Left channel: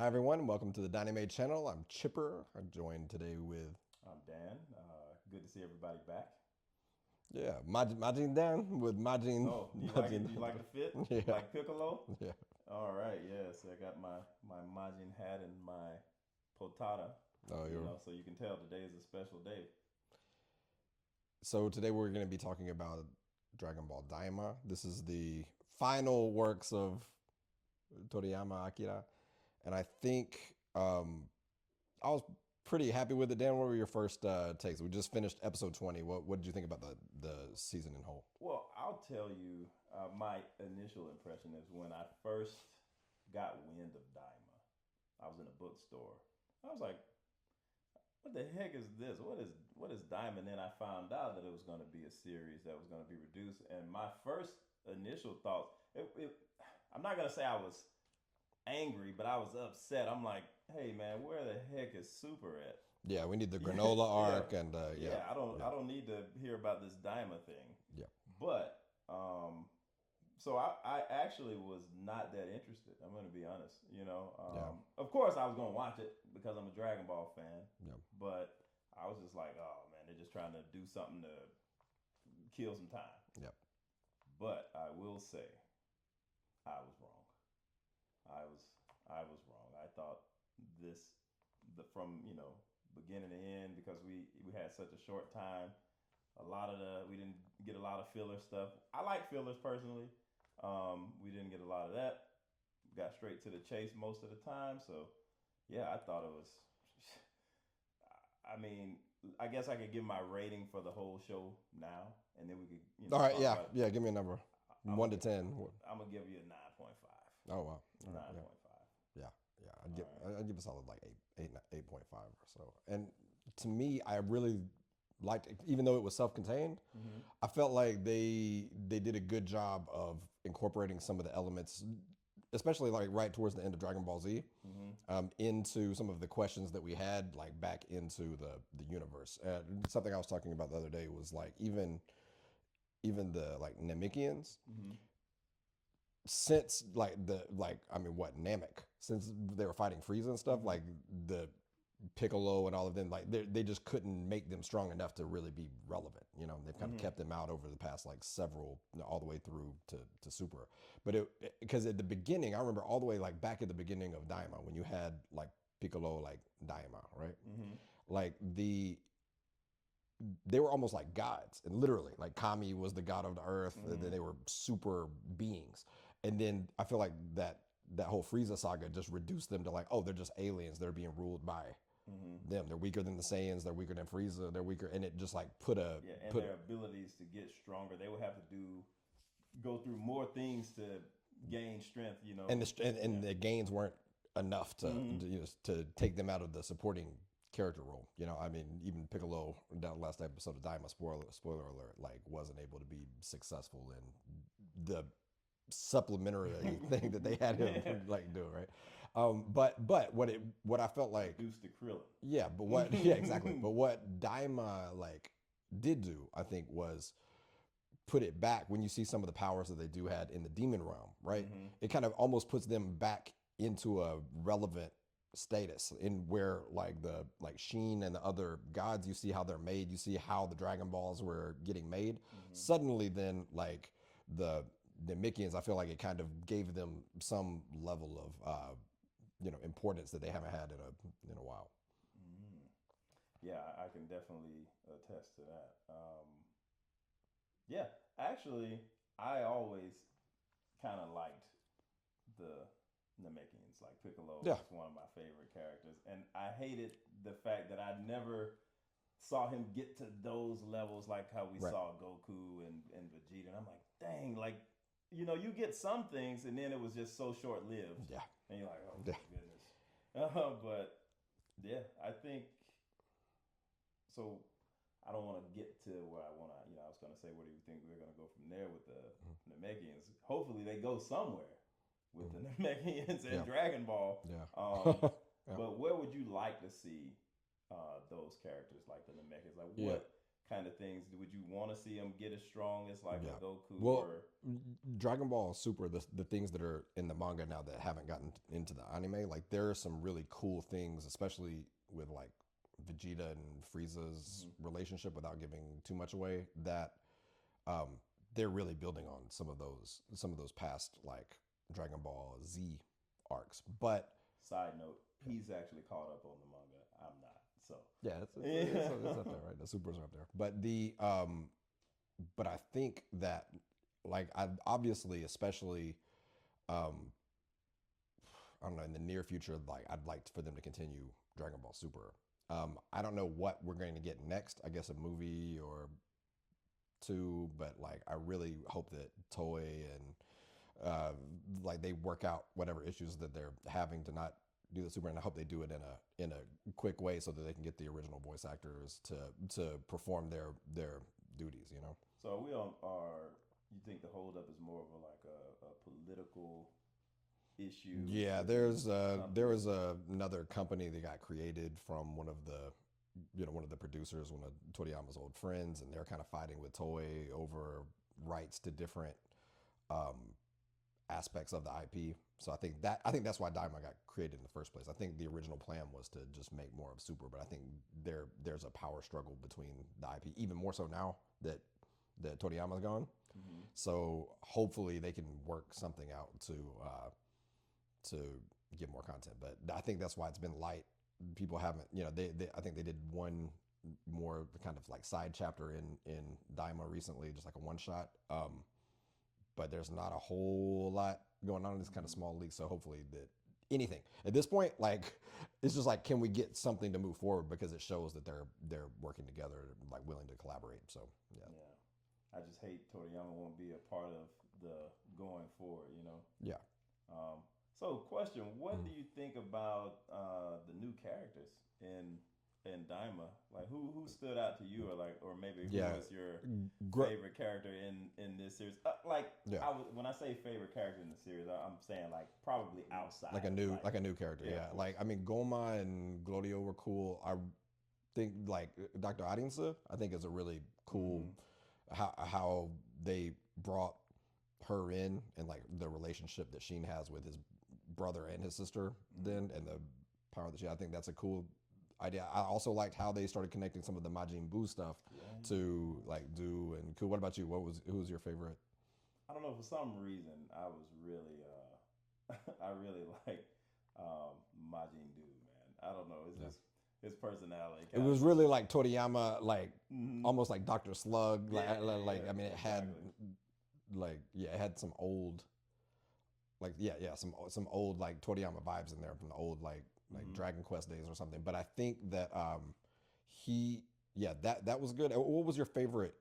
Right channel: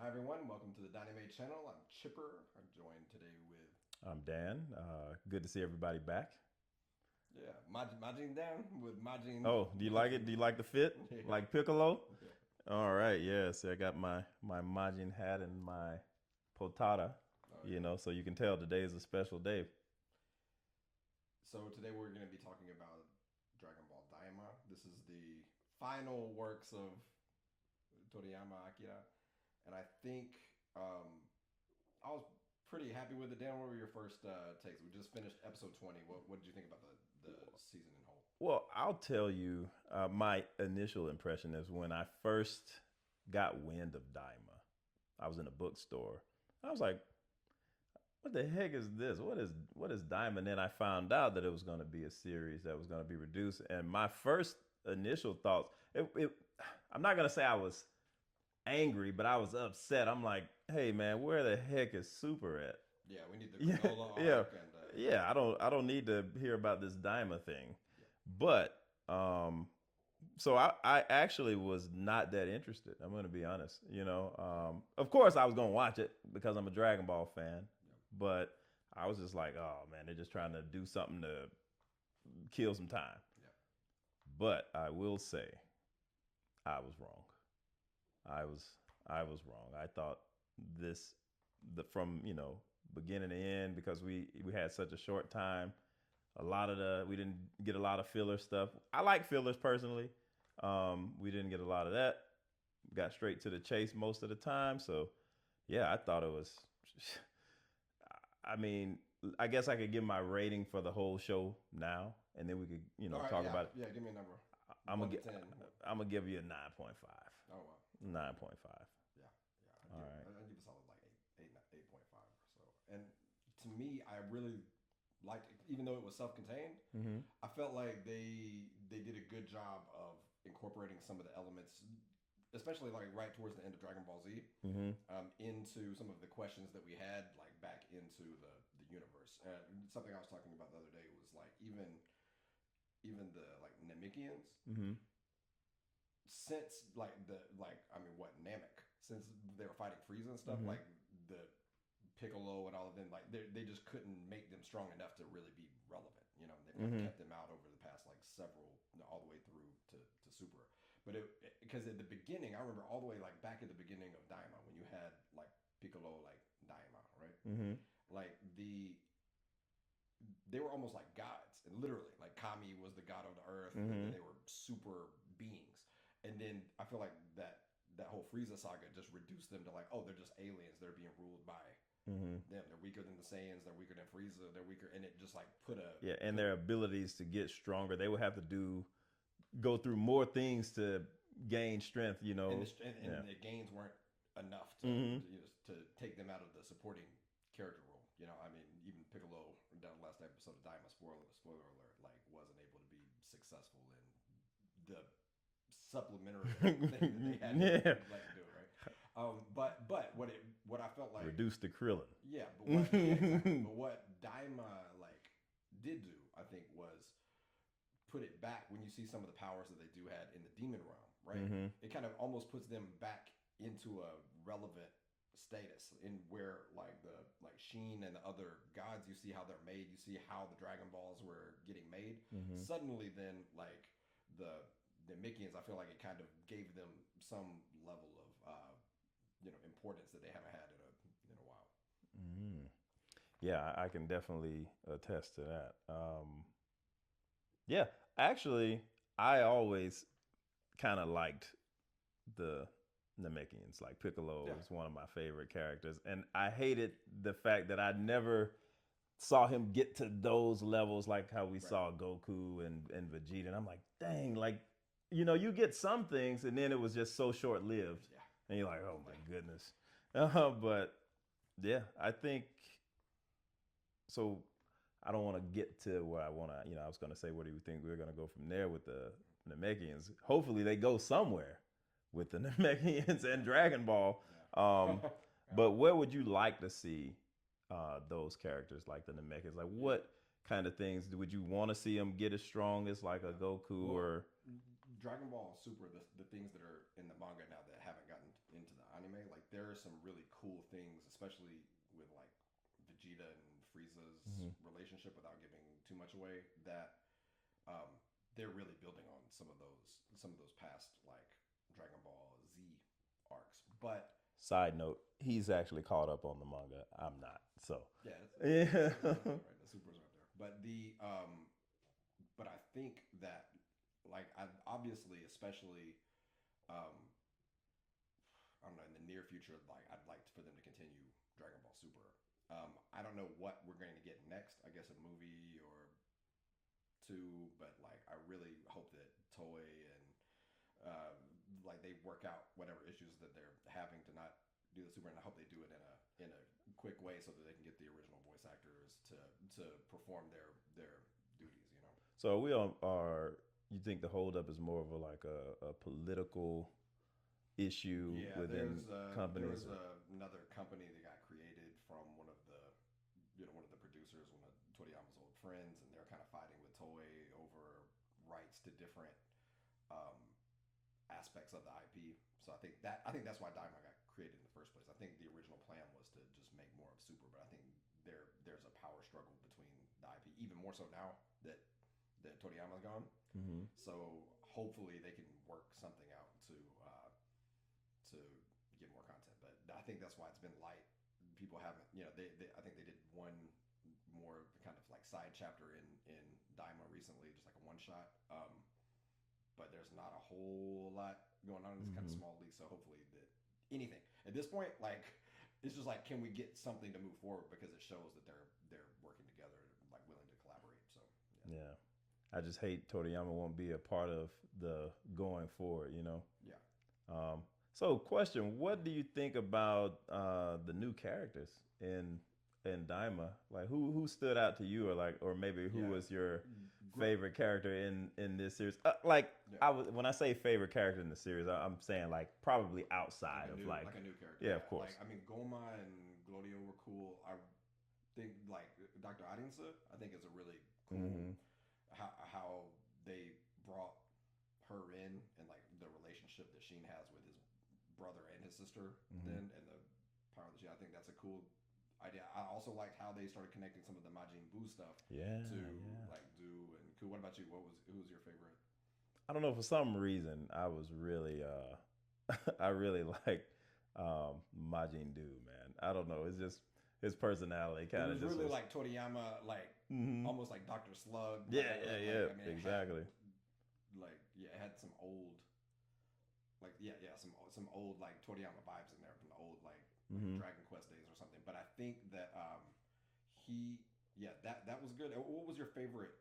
Hi everyone, welcome to the Dynamite channel. I'm Chipper. I'm joined today with I'm Dan. Good to see everybody back. Majin Dan with Majin Oh, do you like it? Majin. Do you like the fit? Yeah, Like Piccolo? yeah. All right, yeah. See, I got my Majin hat and my potata. Oh, yeah. So you can tell today is a special day. So today we're going to be talking about Dragon Ball Daima. This is the final works of Toriyama Akira, and I think I was pretty happy with it. Dan, what were your first takes? We just finished episode 20. What did you think about the season in whole? Well, I'll tell you, my initial impression is when I first got wind of Daima. I was in a bookstore. I was like, what the heck is this? What is Diamond? Then I found out that it was going to be a series that was going to be reduced. And my first initial thoughts, I'm not going to say I was angry, but I was upset. I'm like, hey man, where the heck is Super at? Yeah, we need the Yeah, granola yeah, arc and yeah, yeah. I don't need to hear about this Daima thing. yeah. But so I actually was not that interested. I'm going to be honest. Yeah. Of course I was going to watch it because I'm a Dragon Ball fan. Yeah. But I was just like, oh man, they're just trying to do something to kill some time. Yeah. But I will say, I was wrong. I was I was wrong. I thought this from beginning to end because we had such a short time. A lot of we didn't get a lot of filler stuff. I like fillers personally. We didn't get a lot of that. Got straight to the chase most of the time. So yeah, I thought it was. I mean, I guess I could give my rating for the whole show now, and then we could All right. talk Yeah. about it. Yeah. Give me a number. I'm One gonna to 10. I'm gonna give you a 9.5. Oh wow. All right, Nine yeah. point five. Yeah. Yeah. All right. I'd give a solid like 8.5 or so. And to me, I really liked it, even though it was self-contained. Mm-hmm. I felt like they did a good job of incorporating some of the elements, especially like right towards the end of Dragon Ball Z, Mm-hmm. into some of the questions that we had like back into the universe. Something I was talking about the other day was like even the like Namekians, Mm-hmm. since like I mean what Namek, since they were fighting Frieza and stuff, Mm-hmm. like the Piccolo and all of them, like they just couldn't make them strong enough to really be relevant. They've kind of Mm-hmm. kept them out over the past like several, all the way through to Super. But because at the beginning, I remember all the way like back at the beginning of Daima when you had like Piccolo like Daima, right? Mm-hmm. Like they were almost like gods, and literally like Kami was the god of the earth, and then Mm-hmm. they were super beings. And then I feel like that whole Frieza saga just reduced them to like, oh, they're just aliens, they're being ruled by Mm-hmm. them, they're weaker than the Saiyans, they're weaker than Frieza, they're weaker. And it just like Yeah, and put their abilities to get stronger, they would have to go through more things to gain strength. and Yeah. the gains weren't enough Mm-hmm. to take them out of the supporting character role. I mean, even Piccolo down the last episode of Daima, spoiler alert, like wasn't able to be successful in the supplementary thing that they had Yeah. him like do, right? But what I felt like, Reduce the Krillin. yeah, but what yeah, exactly. But what Daima like did do, I think, was put it back when you see some of the powers that they do had in the demon realm, right? Mm-hmm. It kind of almost puts them back into a relevant status in where like the like Sheen and the other gods, you see how they're made, you see how the Dragon Balls were getting made. Mm-hmm. Suddenly then like the Mickeans, I feel like it kind of gave them some level of importance that they haven't had in a while. Mm-hmm. Yeah, I can definitely attest to that. Yeah, actually, I always kind of liked the Namekians. Like Piccolo Yeah. is one of my favorite characters, and I hated the fact that I never saw him get to those levels like how we Right. saw Goku and Vegeta. And I'm like, dang, like, you get some things, and then it was just so short lived. Yeah. And you're like, oh my Yeah. goodness. But yeah, I think so. I don't want to get to where I want to, I was going to say, where do you think we're going to go from there with the Namekians? Hopefully they go somewhere with the Namekians and Yeah. Dragon Ball. Yeah. Yeah. But where would you like to see those characters like the Namekians? Like Yeah. what kind of things would you want to see them get as strong as like a Yeah. Goku Well, or? Dragon Ball Super, the things that are in the manga now that haven't gotten into the anime, anime, like there are some really cool things, especially with like Vegeta and Frieza's relationship, without giving too much away, that um, they're really building on some of those past like Dragon Ball Z arcs. But Side note: he's actually caught up on the manga. I'm not. So yeah, it's up there, right? The supers are up there. But I think that like I obviously, especially um, I don't know, in the near future, like I'd like for them to continue Dragon Ball Super. I don't know what we're going to get next. I guess a movie or two, but like I really hope that Toei and like they work out whatever issues that they're having to not do the Super, and I hope they do it in a quick way so that they can get the original voice actors to perform their duties. You know. so we are. You think the holdup is more of a political issue? Yeah, Within there company? was another company that got created from one of the one of the producers, one of Toriyama's old friends, and they're kind of fighting with Toei over rights to different um, aspects of the IP. So I think that's why Daima got created in the first place. I think the original plan was to just make more of Super, but I think there's a power struggle between the IP, even more so now that Toriyama's gone. Mm-hmm. So hopefully they can work something out to get more content. But I think that's why it's been light. People haven't, they I think they did one more kind of like side chapter in Daima recently, just like a one shot. But there's not a whole lot going on in this kind of small league. So hopefully that anything at this point, like it's just like, can we get something to move forward, because it shows that they're working together, like willing to collaborate. So yeah, Yeah. I just hate Toriyama won't be a part of the going forward. yeah. So, question: what do Mhm. you think about the new characters in Daima? Like, who stood out to you, or maybe who Yeah. was your Gr- favorite character in this series? Like, yeah. when I say favorite character in the series, I'm saying like probably outside of Like a new character. yeah, of Yeah. course. Like I mean, Goma and Glorio were cool. I think like Dr. Arianza, I think is a really cool Mm-hmm. how they brought her in, and like the relationship that Sheen has with his brother and his sister Mm-hmm. then, and the power that she, I think that's a cool idea. I also liked how they started connecting some of the Majin Buu stuff Yeah, to yeah. like Do and Cool. What about you? Who was your favorite? I don't know. For some reason, I was really, I really liked Majin Buu, man. I don't know. It's Yeah. just his personality It kind of was just really was. like Toriyama, like Mm-hmm. almost like Dr. Slug. Yeah, yeah, Like yeah. I mean, it had Exactly. like yeah, it had some old like some old like Toriyama vibes in there from the old like Mm-hmm. Dragon Quest days or something. But I think that he yeah, that was good. What was your favorite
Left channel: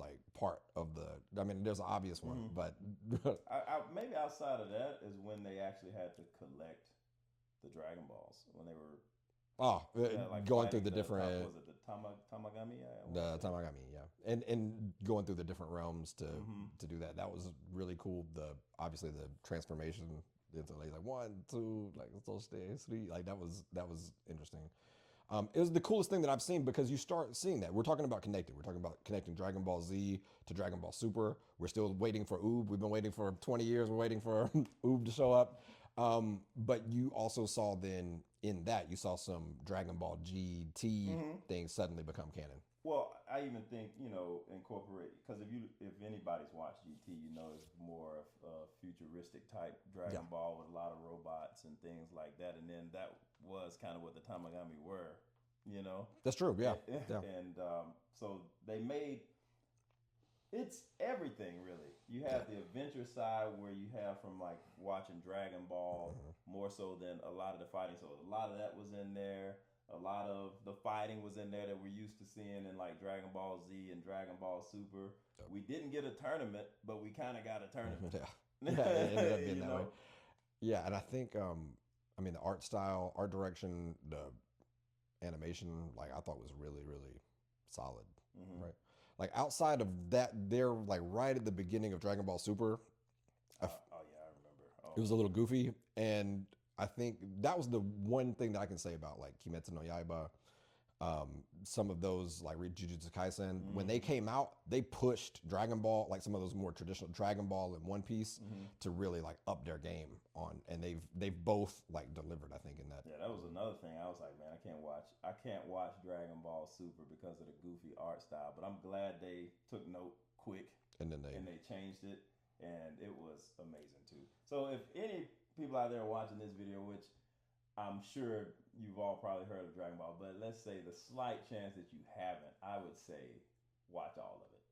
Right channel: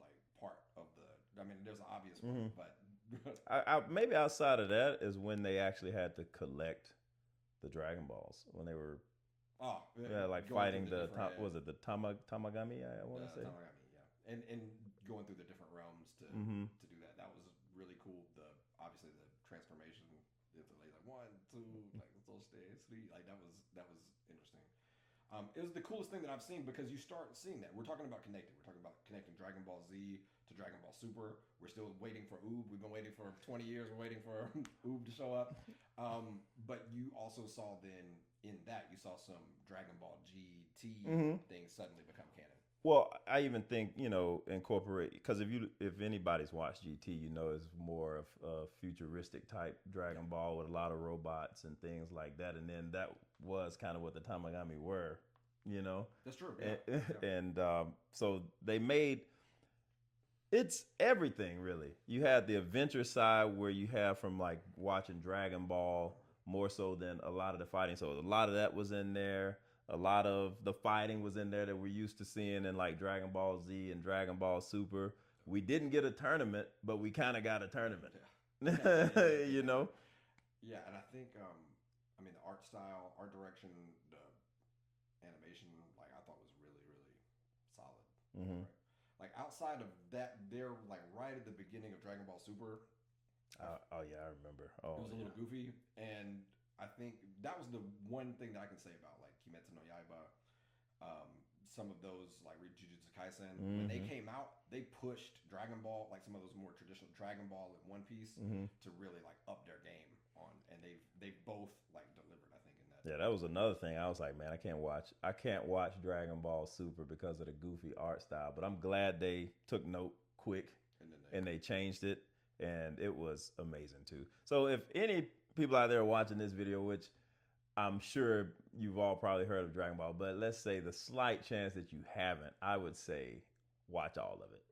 like part of the? I mean, there's an obvious one, Mm-hmm. but Maybe outside of that is when they actually had to collect the Dragon Balls when they were oh, like going through fighting the different was it the Tamagami? I want to the say. Tamagami, yeah, and going through the different realms Mm-hmm. to do that was really cool. The obviously the transformation into like one, two, like so stay three, like that was interesting. It was the coolest thing that I've seen, because you start seeing that. We're talking about connecting. We're talking about connecting Dragon Ball Z to Dragon Ball Super. We're still waiting for Oob. We've been waiting for 20 years. We're waiting for Oob to show up. But you also saw then in that, you saw some Dragon Ball GT Mm-hmm. things suddenly become canon. Well, I even think incorporate because if anybody's watched GT, it's more of a futuristic type Yeah, Dragon Ball with a lot of robots and things like that, and then that was kind of what the Tamagami were, you know, that's true. Yeah, yeah. and so they made it's everything really. You had the adventure side where you have from like watching Dragon Ball more so than a lot of the fighting. So a lot of that was in there. A lot of the fighting was in there that we're used to seeing in like Dragon Ball Z and Dragon Ball Super. We didn't get a tournament, but we kind of got a tournament. Yeah, yeah. It ended up getting you that way. know? Yeah, and I think I mean the art style, art direction, the animation, like I thought was really solid. Mm-hmm. Right, like outside of that, they're like right at the beginning of Dragon Ball Super. Oh yeah, I remember. It Oh was a little yeah. goofy, and I think that was the one thing that I can say about like Kimetsu no Yaiba. Some of those like Jujutsu Kaisen, when they Mm-hmm. came out, they pushed Dragon Ball, like some of those more traditional Dragon Ball and One Piece, Mm-hmm. to really like up their game. and they've both like delivered. I think in that. Yeah, that was another thing. I was like, man, I can't watch Dragon Ball Super because of the goofy art style. But I'm glad they took note quick And then and they changed it, and it was amazing too. So if any people out there are watching this video, which I'm sure you've all probably heard of Dragon Ball, but let's say the slight chance that you haven't, I would say watch all of it.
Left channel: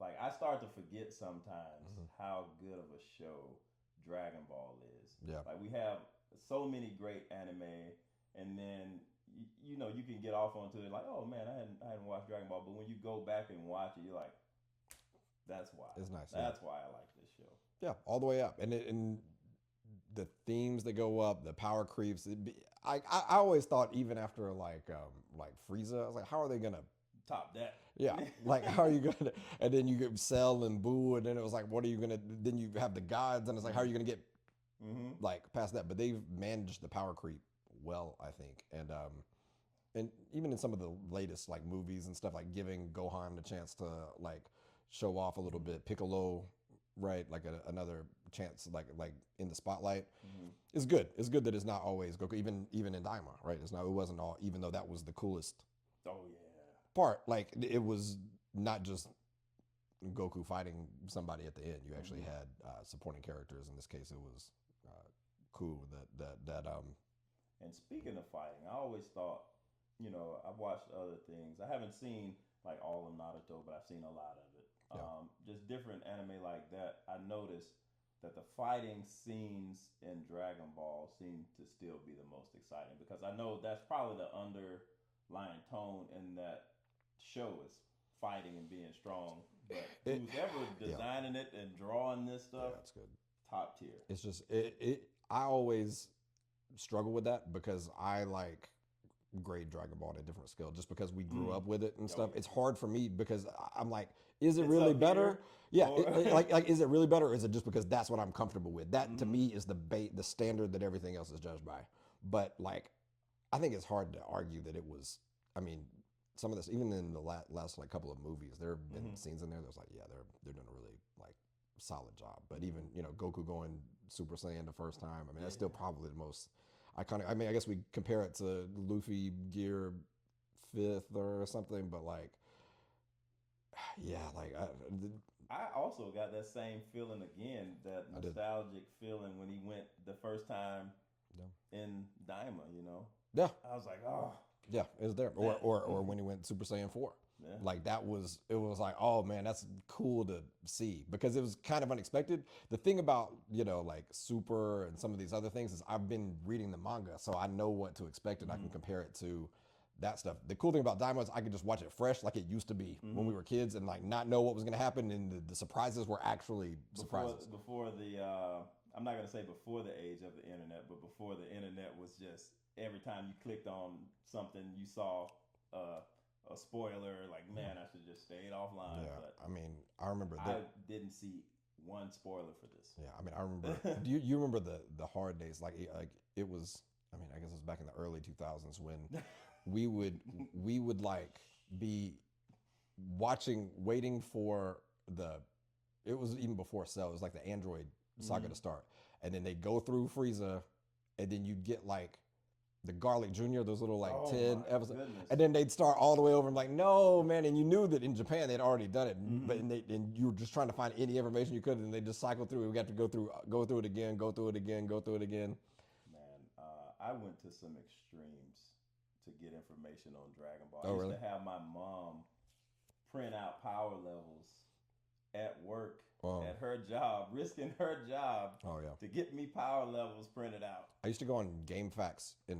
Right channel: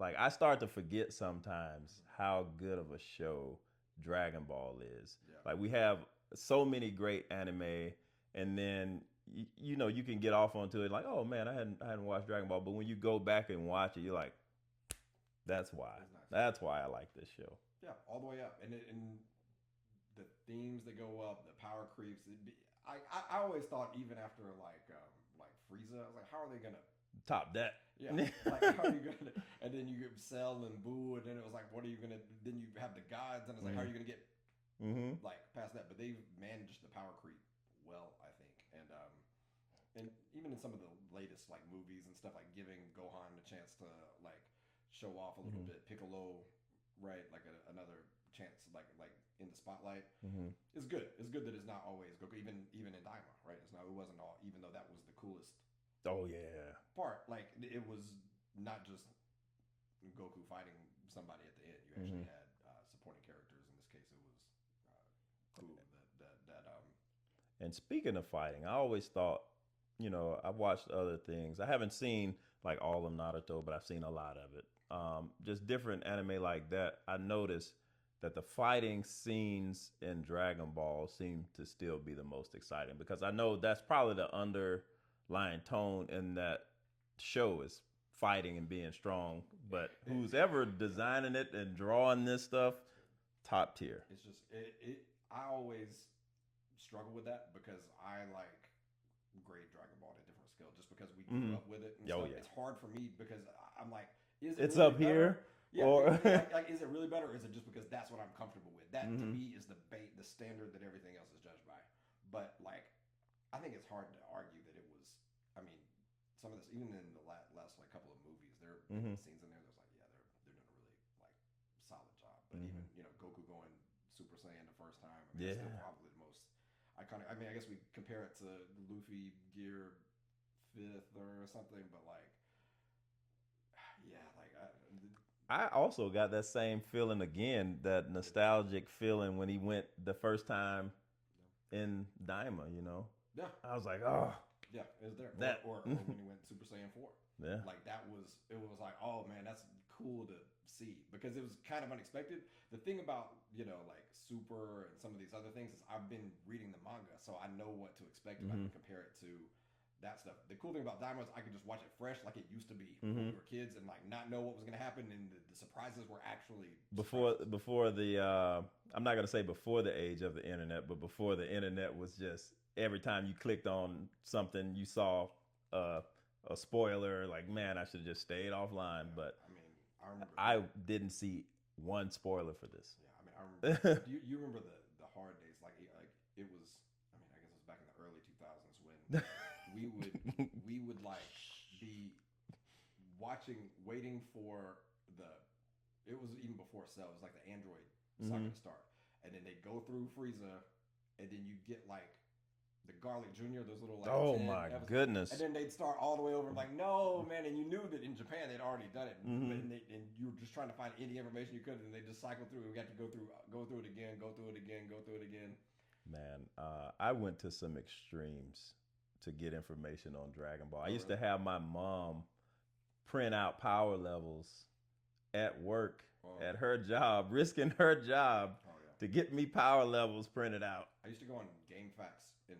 Like I start to forget sometimes how good of a show Dragon Ball is. Yeah. Like we have so many great anime, and then you know you can get off onto it like, oh man, I hadn't watched Dragon Ball, but when you go back and watch it, you're like, that's why. It's nice. That's why I like this show. Yeah, all the way up, and the themes that go up, the power creeps. I always thought even after like Frieza, I was like, how are they gonna top that? Yeah, like how are you gonna? And then you get Cell and Boo, and then it was like, what are you gonna? Then you have the gods, and it's like, how are you gonna get like past that? But they've managed the power creep well, I think, and even in some of the latest like movies and stuff, like giving Gohan a chance to like show off a little bit, Piccolo, right? Like another chance, like in the spotlight. It's good. It's good that it's not always Goku, even in Daima, right? It's not. It wasn't all. Even though that was the coolest. Oh yeah. Part like it was not just Goku fighting somebody at the end. You actually had supporting characters. In this case, it was cool that. And speaking of fighting, I always thought, you know, I've watched other things. I haven't seen like all of Naruto, but I've seen a lot of it. Just different anime like that. I noticed that the fighting scenes in Dragon Ball seem to still be the most exciting because I know that's probably the underlying tone in that show is fighting and being strong. But who's ever designing it and drawing this stuff, that's good. Top tier. It's just I always struggle with that because I like grade Dragon Ball at a different scale just because we grew up with it and stuff. Yeah. It's hard for me because I'm like, is it It's really up better? here, Yeah, or- like is it really better, or is it just because that's what I'm comfortable with? That to me is the standard that everything else is judged by. But like, I think it's hard to argue that it was. I mean, some of this, even in the last like couple of movies, there have been scenes in there that's like, yeah, they're doing a really like solid job. But even Goku going Super Saiyan the first time, I mean, that's still probably the most iconic. I mean, I guess we compare it to Luffy Gear 5th or something, but like, yeah, like I also got that same feeling again, that nostalgic feeling when he went the first time in Daima, you know? Yeah. I was like, oh. Yeah, it was there. Or when he went Super Saiyan 4. Yeah. Like it was like, oh man, that's cool to see because it was kind of unexpected. The thing about, like Super and some of these other things is I've been reading the manga, so I know what to expect and I can compare it to that stuff. The cool thing about Daima is I could just watch it fresh like it used to be when we were kids and like not know what was going to happen, and the surprises were actually surprises. Before the I'm not going to say before the age of the internet, but before the internet was just every time you clicked on something you saw a spoiler, like, man, I should have just stayed offline. Yeah, but I mean, I remember I didn't see one spoiler for this. Yeah, I mean, I remember. you remember the hard days? Like it was. I mean, I guess it was back in the early 2000s when we would like be waiting for it was even before Cell. It was like the Android saga to start, and then they go through Frieza, and then you get like the Garlic Jr., those little like 10 episodes. Goodness. And then they'd start all the way over. I'm like, no, man. And you knew that in Japan they'd already done it, but and you were just trying to find any information you could, and they just cycled through. We got to go through it again, go through it again, go through it again. Man, I went to some extremes to get information on Dragon Ball. I used really? to have my mom print out power levels at work, at her job, risking her job to get me power levels printed out. I used to go on Game Facts and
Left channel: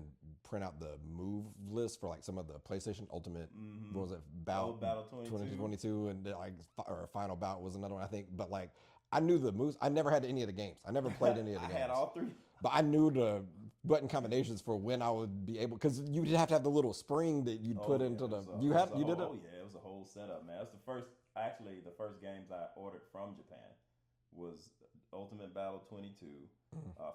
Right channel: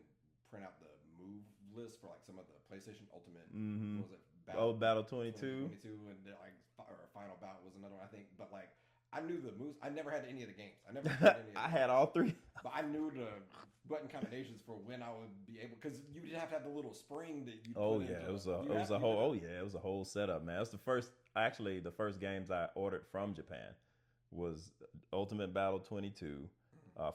print out the move list for like some of the PlayStation Ultimate. What was it? Battle 22. 22, and like or Final Bout was another one, I think. But like, I knew the moves. I never had any of the games. I never played any of the games. I had all three. But I knew the button combinations for when I would be able, because you'd have to have the little spring that you'd put into the. It was a whole setup, man. It was the first games I ordered from Japan was Ultimate Battle 22,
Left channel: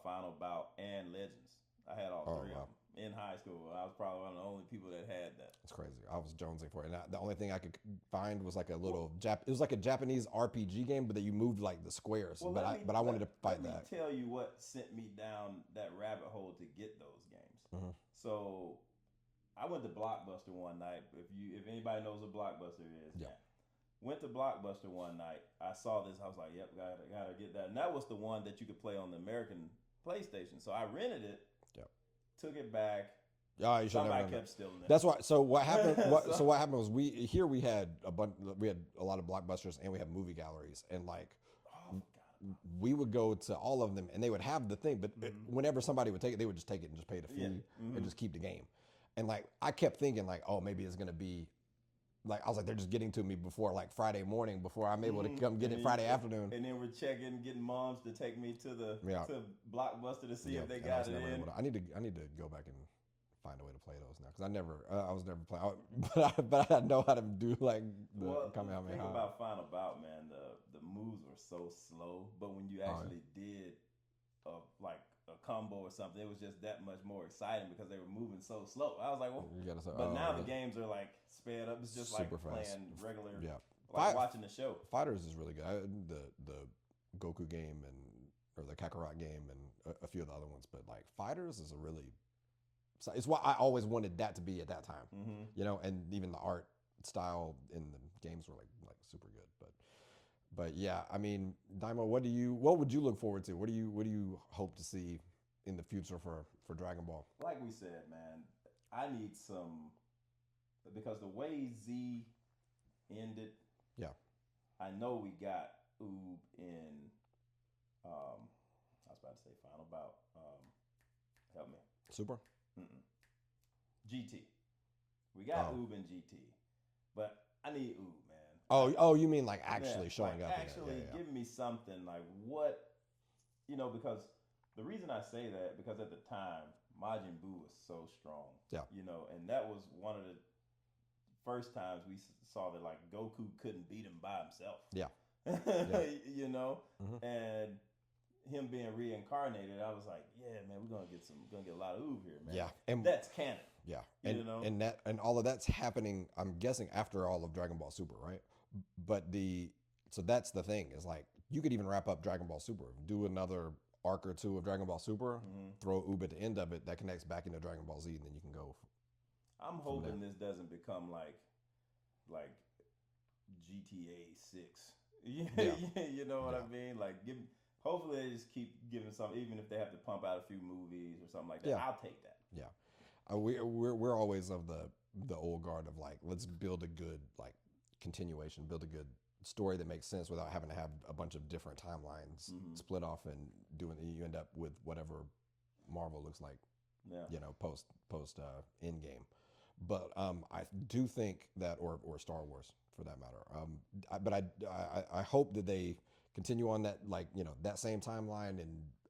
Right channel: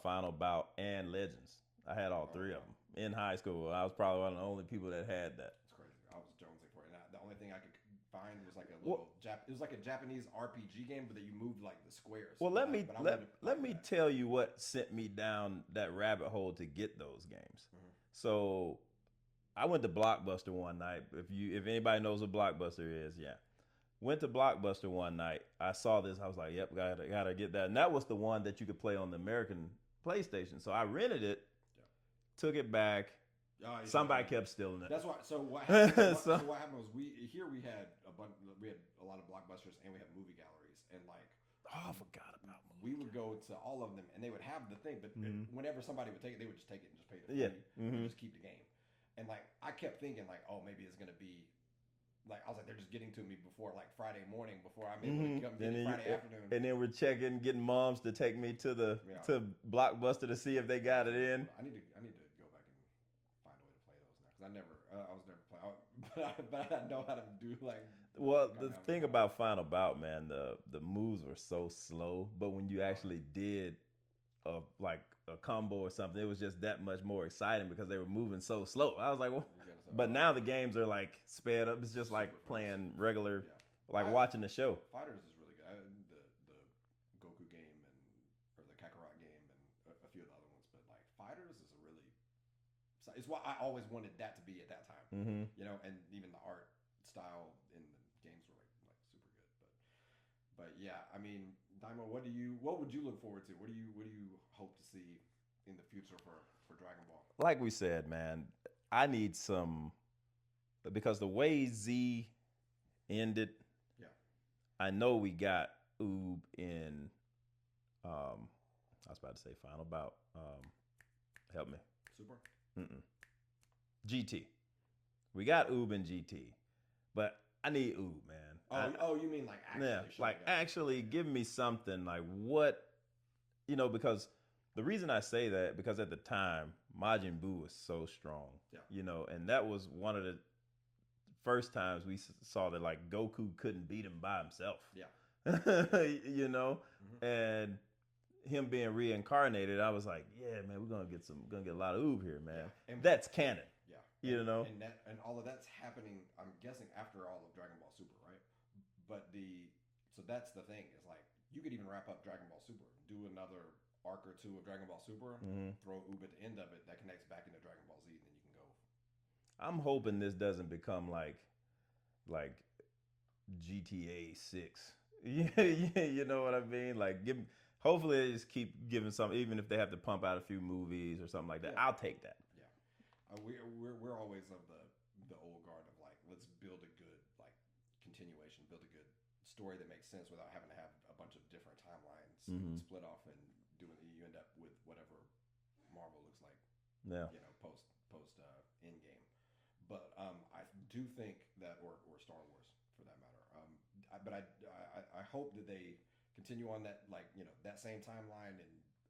Final Bout, and Legends. I had all three of them in high school. I was probably one of the only people that had that. It's crazy. I was jonesing for it. And the only thing I could find was like a little it was like a Japanese RPG game, but that you moved like the squares. Well, but I wanted to find let me tell you what sent me down that rabbit hole to get those games. Mm-hmm. So I went to Blockbuster one night. If anybody knows what Blockbuster is, yeah. Went to Blockbuster one night. I saw this. I was like, "Yep, gotta get that." And that was the one that you could play on the American PlayStation. So I rented it, took it back. Somebody kept stealing it. That's why. So what happened? What happened was we had a lot of Blockbusters and we had movie galleries and like. Oh, I forgot about it. We would go to all of them and they would have the thing, but whenever somebody would take it, they would just take it and just pay the fee and just keep the game. And like I kept thinking like, oh, maybe it's gonna be. Like I was like, they're just getting to me before like Friday morning before I'm able to come get it Friday afternoon. And then we're getting moms to take me to to Blockbuster to see if they got it in. I need to go back and find a way to play those now because I was never playing, but I know how to do like. The thing about Final Bout, man, the moves were so slow, but when you actually did like a combo or something, it was just that much more exciting because they were moving so slow. I was like, well, but now the games are like sped up. It's just like playing regular, like watching the show. Fighters is really good. The Goku game or the Kakarot game and a few of the other ones, but like Fighters is it's what I always wanted that to be at that time. You know, and even the art style in the games were like super good. But yeah, I mean, Daima, what would you look forward to? What do you hope to see in the future for Dragon Ball? Like we said, man, I need some because the way Z ended, I know we got Oob in I was about to say Final Bout. Help me. Super? GT. We got Oob in GT. But I need Oob, man. Oh, you mean like actually showing up? Actually give me something like what, because the reason I say that, because at the time, Majin Buu was so strong. Yeah. And that was one of the first times we saw that like Goku couldn't beat him by himself. Yeah. And him being reincarnated, I was like, yeah, man, we're gonna get a lot of Oob here, man. Yeah. And that's canon. Yeah. And all of that's happening, I'm guessing, after all of Dragon Ball Super, right? But so that's the thing, is like you could even wrap up Dragon Ball Super, do another arc or two of Dragon Ball Super, throw Oob at the end of it, that connects back into Dragon Ball Z, and then you can go. I'm hoping this doesn't become like GTA 6. You know what I mean? Like hopefully they just keep giving some, even if they have to pump out a few movies or something like that. I'll take that. Yeah. We're always of the old guard of like, let's build a good like continuation, build a good story that makes sense without having to have a bunch of different timelines split off and you end up with whatever Marvel looks like, post end game. But I do think that, or Star Wars for that matter. But I hope that they continue on that, like, that same timeline and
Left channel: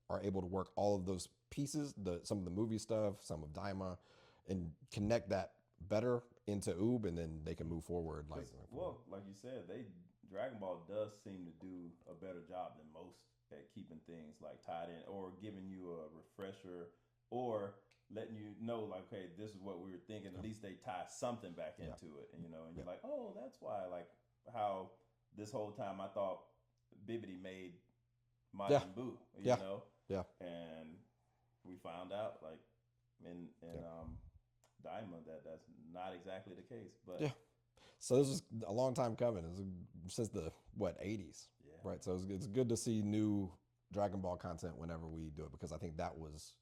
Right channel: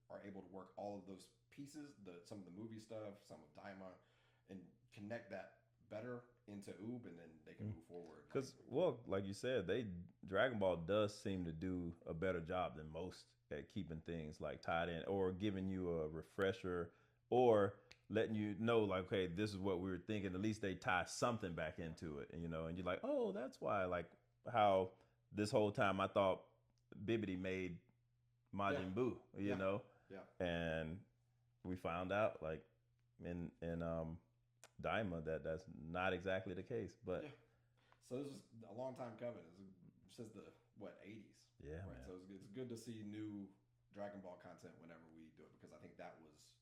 are able to work all of those pieces, some of the movie stuff, some of Daima, and connect that better into Oob, and then they can move forward. Like you said, Dragon Ball does seem to do a better job than most at keeping things like tied in, or giving you a refresher, or letting you know, like, okay, this is what we were thinking. At least they tie something back into it, and you're like, oh, that's why. Like how this whole time I thought Bibbidi made Majin Buu, you know? Yeah. And we found out, like, in Daima, that's not exactly the case. But so this is a long time coming. It's since the 80s. Yeah. Right. Man. So it's good to see new Dragon Ball content whenever we do it, because I think that was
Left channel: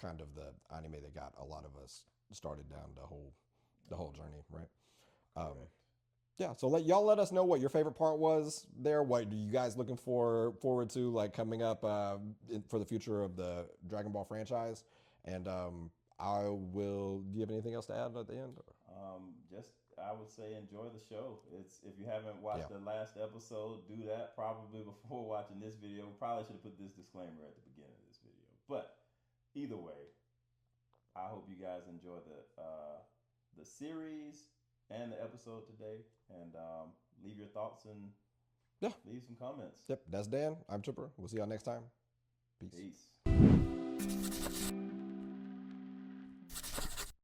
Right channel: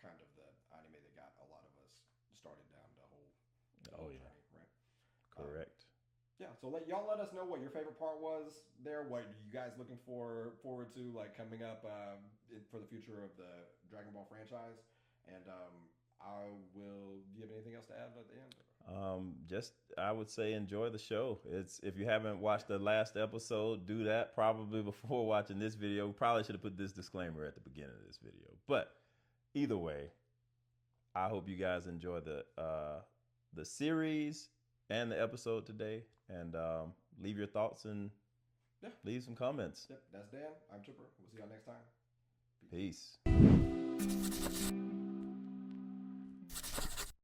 kind of the anime that got a lot of us started down the whole journey, right? Correct. So let us know what your favorite part was there. What are you guys looking forward to, like, coming up for the future of the Dragon Ball franchise? And do you have anything else to add at the end? I would say enjoy the show. If you haven't watched the last episode, do that probably before watching this video. Probably should have put this disclaimer at the beginning of this video. But either way, I hope you guys enjoy the series and the episode today, and leave your thoughts and leave some comments. Yep, that's Dan. I'm Chipper. We'll see y'all next time. Peace.